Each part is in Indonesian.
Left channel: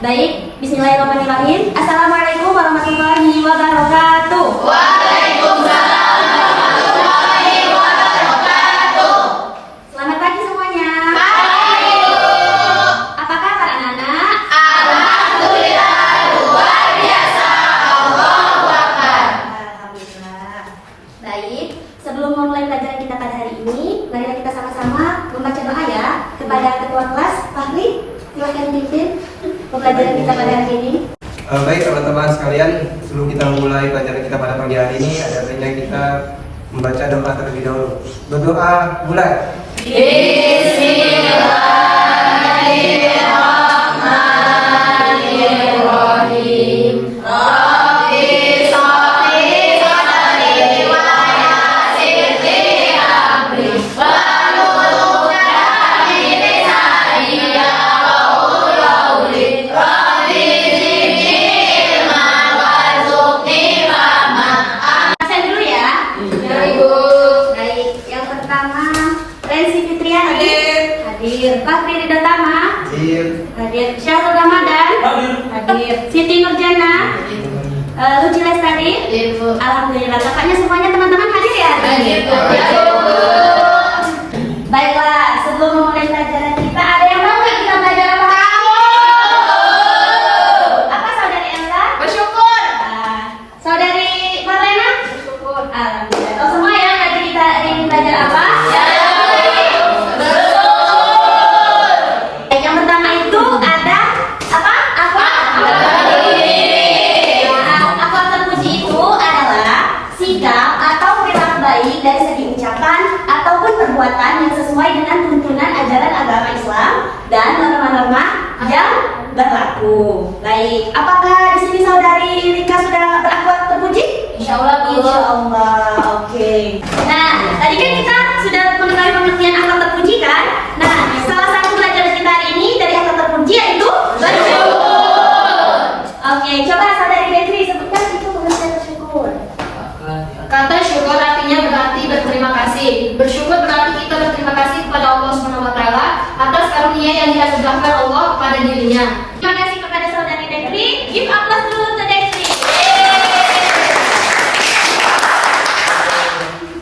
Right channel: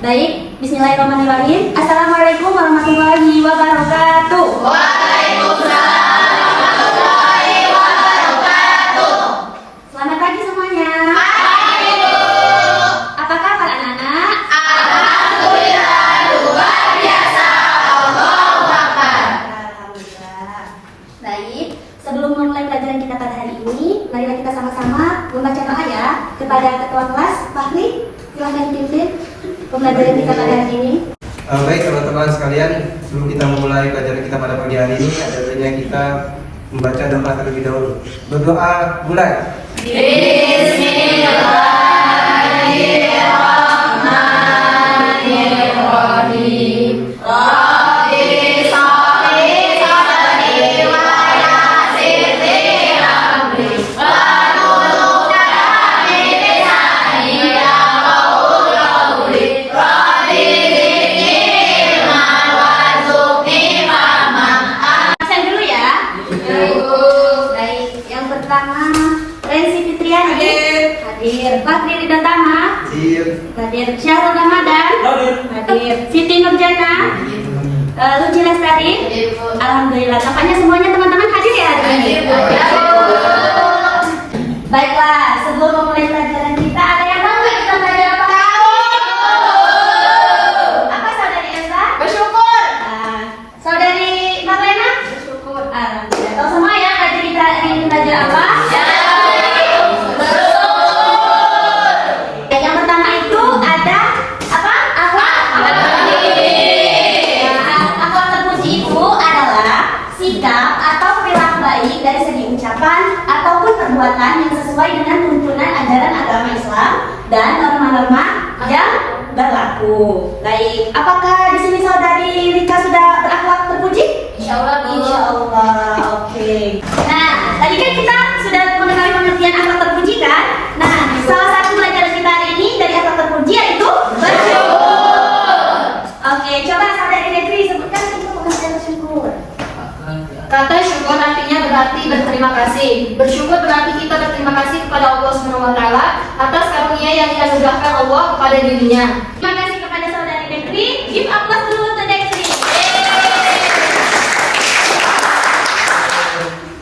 Baik, bismillahirrahmanirrahim. Assalamualaikum warahmatullahi wabarakatuh. Waalaikumsalam warahmatullahi wabarakatuh. Selamat pagi semuanya. Pagi. Apa kabar anak-anak? Alhamdulillah, luar biasa. Allahu Akbar. Alhamdulillah. Baik, sebelum memulai pelajaran kita pada hari ini, marilah kita sama-sama membaca doa ya kepada ketua kelas Fahri. Silakan dipimpin pembelajaran kita pada hari ini. Baik teman-teman sekalian, sebelum kita memulai pelajaran kita pada pagi hari ini, ada baiknya kita membaca doa terlebih dahulu. Berdoa, mulai. Bismillahirrahmanirrahim. Bakri Ridatama hadir, Syahrul Ramadan hadir, Siti Nurjana, Luci Lestari. Alhamdulillah, tampaknya semuanya teman-teman hadir ya hari ini. Baiklah, sebelum memulai pelajaran kita, ada yang mau kita belajar apa? Apa saudari Elsa? Bersyukur. Saudari Marlena? Bersyukur. Alhamdulillah. Tahu semua ya hari kita ini belajar apa? Ataupun perbuatan yang sesuai dengan tuntunan ajaran agama Islam dan norma-norma yang berlaku. Baik, apakah di sini saudari Rika sudah berakhlak terpuji? Insyaallah. Insyaallah. Oke. Nah, tadi kan kita sudah mengenai pengertian akhlak terpuji kan? Nah, salah satu pelajaran kita hari ini dari akhlak terpuji yaitu bersyukur. Oke, coba saudari Retri sebutkan itu pengertian bersyukur. Kata syukur artinya berarti berterima kasih. Bersyukur berarti kita berterima kasih kepada Allah SWT atas karunia yang dianugerahkan Allah kepada dirinya. Terima kasih kepada saudari Detri. Give applause dulu untuk Detri.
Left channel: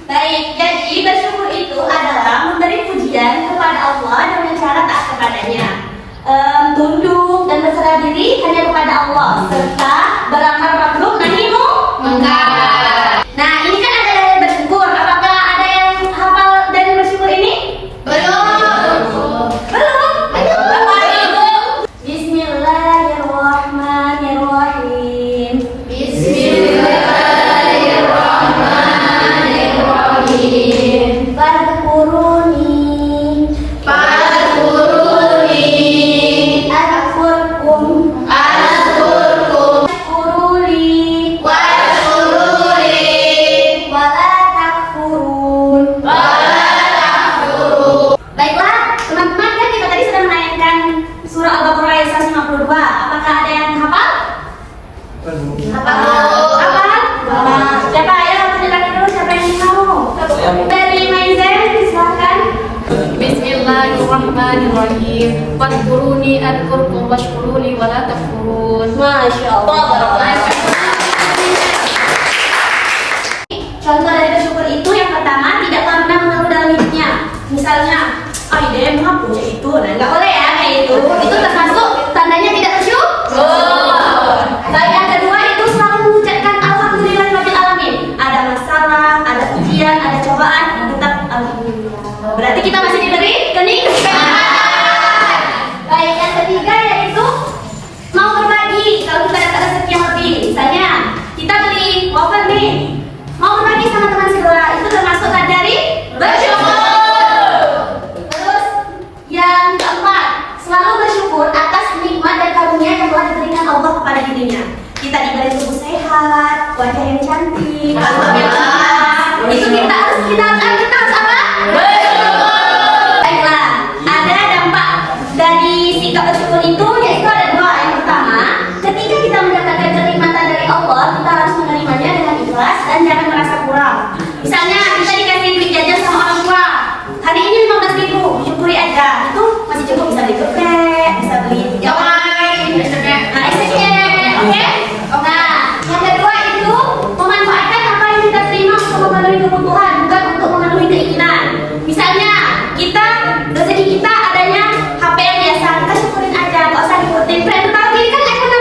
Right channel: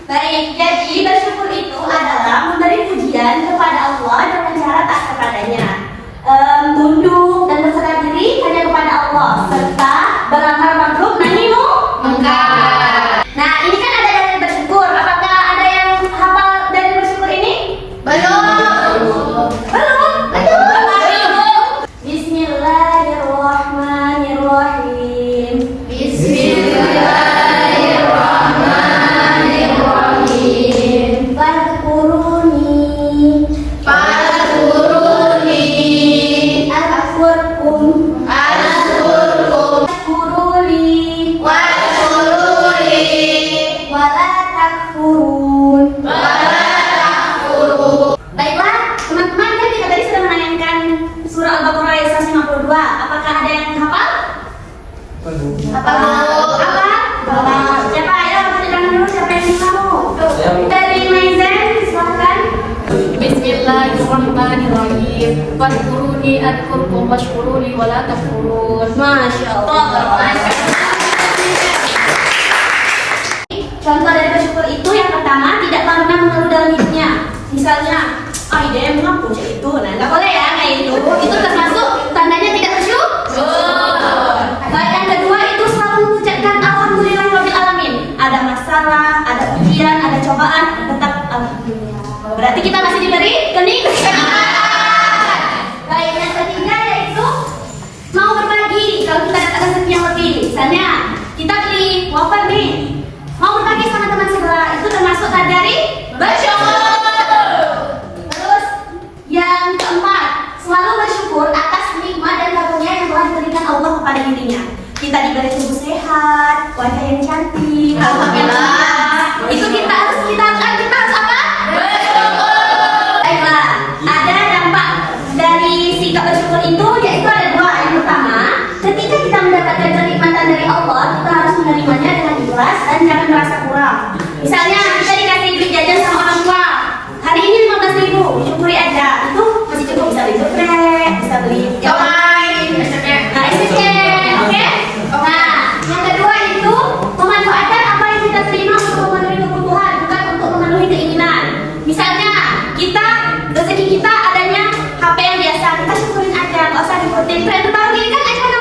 Baik, jadi bersyukur itu adalah memberi pujian kepada Allah dengan cara taat kepadanya, tunduk dan berserah diri hanya kepada Allah, serta beramar ma'ruf nahi munkar. Nah, ini kan ada yang bersyukur. Apakah ada yang hafal dari bersyukur ini? Belum. Bismillahirrahmanirrahim. Bismillahirrahmanirrahim. Fadhkuruni adkurkum. Apakah ada yang hafal? Siapa? Ayo tunjukkan dulu siapa yang tahu. Dari Maizen, silakan. Bismillahirrahmanirrahim. Fadhkuruni adkurkum washkuruni wala takfurun. Masya Allah. Contoh dari bersyukur itu yang pertama, tidak pernah mengeluh dalam hidupnya. Misalnya, ide emang punya itu, nah nggak boleh ya kayak itu. Itu termasuk tandanya tidak bersyukur. Baik, yang kedua itu selalu mengucapkan alhamdulillahirabbil alamin. Ada masalah, ada ujian, ada cobaan, tetap alhamdulillah. Berarti kita masih diberi kenikmatan. Baik, yang ketiga yaitu mau berbagi. Kalau kita dapat rezeki yang lebih, misalnya kita beli wafer nih, mau berbagi sama teman sebelah, itu termasuk dari bersyukur. Yang keempat, selalu bersyukur atas nikmat dan karunia yang telah diberikan Allah kepada dirinya. Kita diberi tubuh sehat, wajah yang cantik, alhamdulillah. Itu kita harus apa? Bersyukur. Baiklah, ada dampak dari sikap bersyukur itu, yaitu ada dua. Yang pertama, ketika kita mendapatkan kenikmatan dari Allah, kita harus menerimanya dengan ikhlas dan jangan merasa kurang. Misalnya kita dikasih duit jajan sama orang tua, Misalnya kita rezeki kita adanya HP yang biasa, kita syukurin aja, nggak usah diikutin tren terbaru ini kan iPhone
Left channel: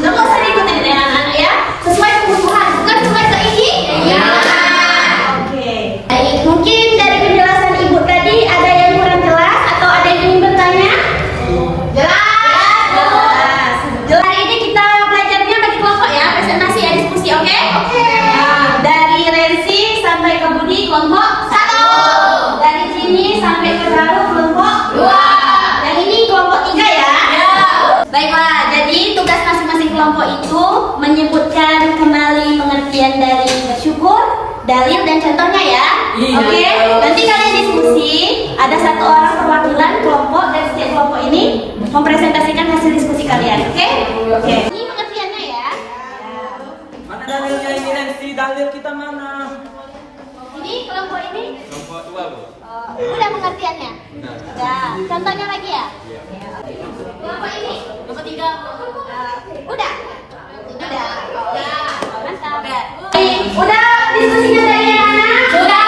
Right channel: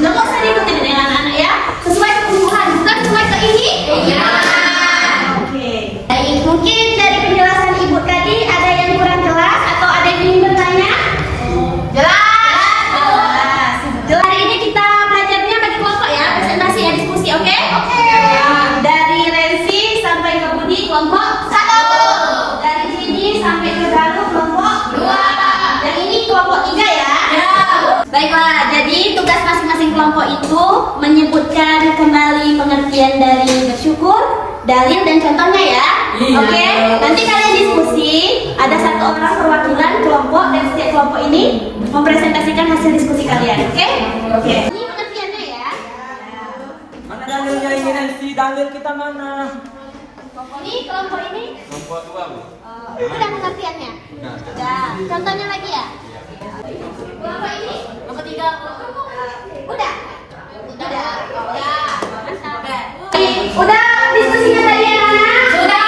16, nggak usah diikutin dengan anak-anak ya, sesuai kebutuhan, bukan sesuai keinginan. Oke. Baik, mungkin dari penjelasan ibu tadi ada yang kurang jelas atau ada yang ingin bertanya? Jelas. Hari ini kita belajarnya bagi kelompok ya, presentasi ya, diskusi, oke? Oke. Dari Rensi sampai ke Budi kelompok 1. Dari sini sampai ke Galuh kelompok 2. Dan ini kelompok 3 ya? Baiklah, jadi tugas masing-masing kelompok itu menyebutkan kembali pengertian dari bersyukur, dalil dan contohnya ya. Oke? Nanti kalian diskusi, ada 1 orang perwakilan kelompok dan setiap kelompok ini mempresentasikan hasil diskusi kalian. Oke? Oke. Ini pengertiannya ya. Mana dalilnya ini Nancy? Dalil kita mana? Ini kelompok ini Kelompok 2, Bu. udah pengertiannya. Udah. Contohnya lagi ya. Kelompok ini Kelompok 3. udah. Udah. Mantap. Udah diskusinya dari yang mana? Sudah.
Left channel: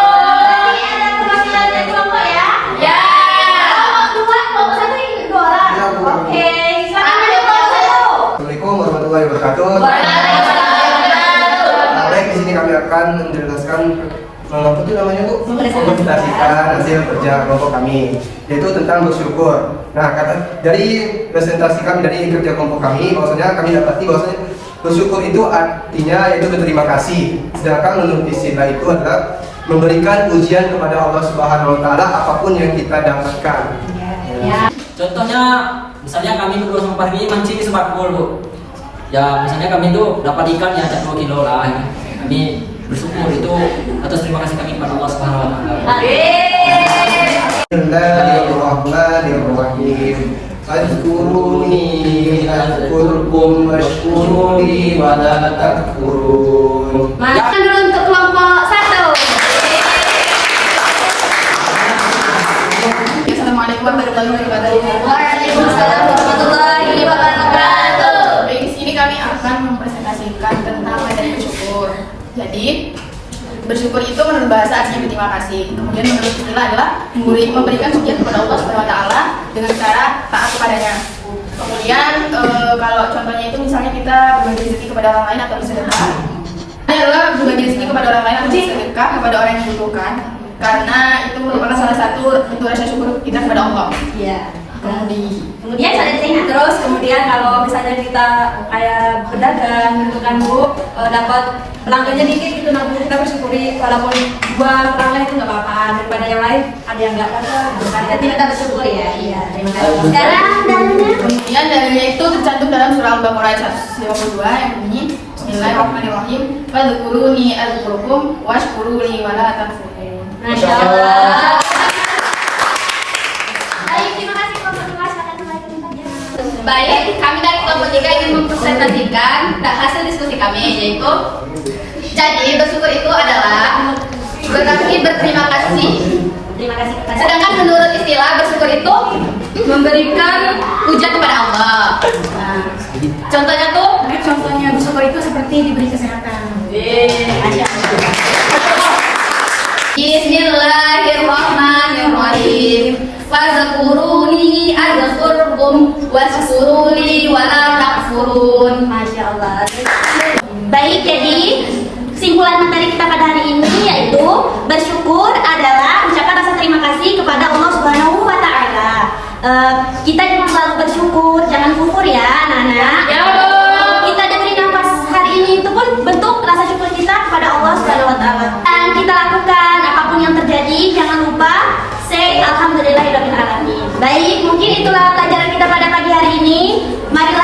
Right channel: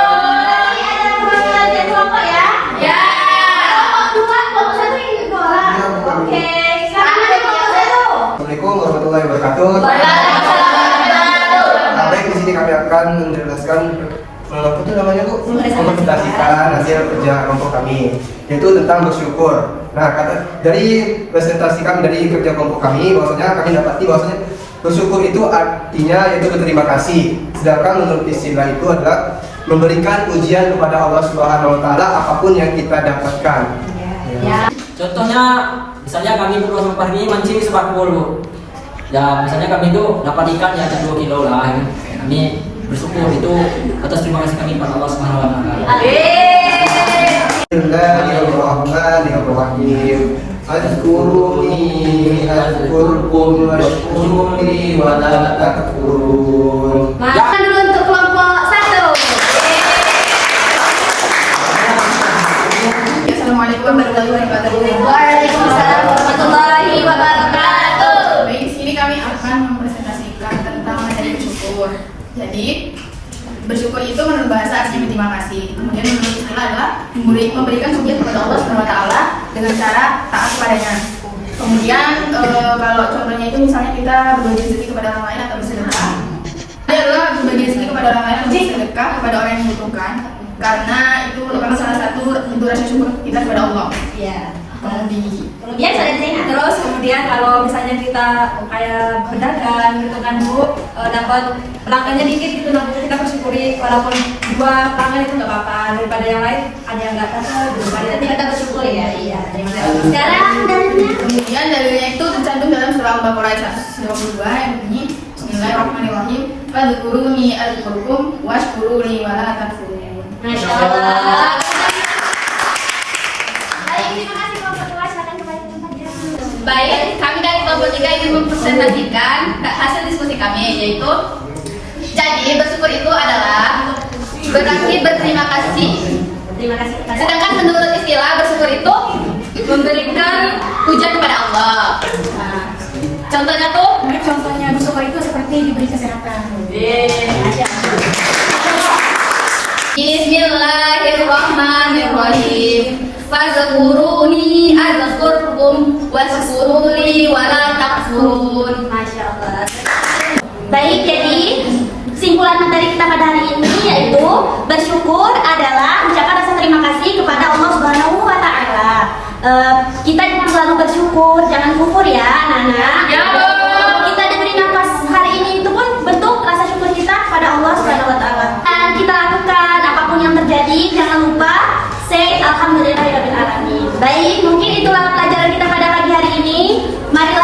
Berarti ada perwakilan dari kelompok ya? Ya. Kelompok 2, kelompok 1 ini 2 orang. Oke. Siapa yang kelompok 1? Assalamualaikum warahmatullahi wabarakatuh. Baik, di sini kami akan menjelaskan apa itu namanya Bu? Mempresentasikan hasil kerja kelompok kami, yaitu tentang bersyukur. Nah, dari presentasi kami dari kerja kelompok kami, bahwasanya kami dapati bahwasanya bersyukur itu artinya yaitu berterima kasih. Sedangkan menurut istilah itu adalah memberikan pujian kepada Allah Subhanahu Wa Taala apapun yang kita dapatkan. Contohnya, misalnya kami perlu sama ini mancing sebakul, Bu. Ya, misalnya kami itu dapat ikan ya 2 kilo lah. Kami bersyukur itu atas terima kasih kami kepada Allah Subhanahu Wa Taala. Bismillahirrahmanirrahim. Fadhkuruni azkurkum washkuruni wa la takfurun. Makan dulu untuk kelompok 1. Assalamualaikum warahmatullahi wabarakatuh. Waalaikumsalam warahmatullahi wabarakatuh. Baik, di sini kami akan mempresentasikan tentang metode bersyukur. Jadi, bersyukur itu menurut bahasa artinya berterima kasih. Kemudian menurut istilah adalah memberikan pujian kepada Allah Subhanahu Wa Taala dengan cara taat kepadanya. Kemudian kalau contohnya itu misalnya kita berbagi rezeki kepada orang lain atau bersedekah. Ini adalah berbagi rezeki kepada orang lain atau bersedekah kepada orang yang membutuhkan. Karena itu merupakan salah satu bentuk rasa syukur kita kepada Allah. Iya. Kemudian Kemudian Terus kemudian kalau misalnya kita kayak berdagang gitu kan Bu, dapat pelanggannya dikit gitu, nah kita bersyukuri walaupun 2 pelanggan itu nggak apa-apa, daripada yang lain ada yang nggak dapat, berarti kita bersyukur ya. Iya. Terima kasih. Sekarang dalilnya. Kemudian dalilnya itu tercantum dalam surah Al-Baqarah ayat 152 yang bunyi Bismillahirrahmanirrahim. Fadhkuruni azkurkum washkuruni wa la takfurun. Masya Allah. Baik, terima kasih kelompok 2. Silakan kembali ke tempatnya. Baik, kami dari kelompok 3 ingin mempresentasikan hasil diskusi kami, yaitu jadi bersyukur itu adalah berarti berterima kasih. Terima kasih. Sedangkan menurut istilah bersyukur itu memberikan pujian kepada Allah. Nah, contohnya tuh, Contohnya bersyukur itu seperti diberi kesehatan. Masya Allah. Bismillahirrahmanirrahim. Fadhkuruni azkurkum washkuruni wa la takfurun. Masya Allah. Baik, jadi kesimpulan materi kita pada hari ini yaitu bersyukur adalah ucapan rasa terima kasih kepada Allah Subhanahu Wa Taala. Kita selalu bersyukur, jangan kufur ya, anak-anak. Kita diberi nafas hari ini itu pun bentuk rasa syukur kita kepada Allah Subhanahu Wa Taala. Dan kita lakukan apapun yang terjadi, jangan lupa say alhamdulillahirabbil alamin. Baik, mungkin itulah pelajaran kita pada pagi hari ini. Marilah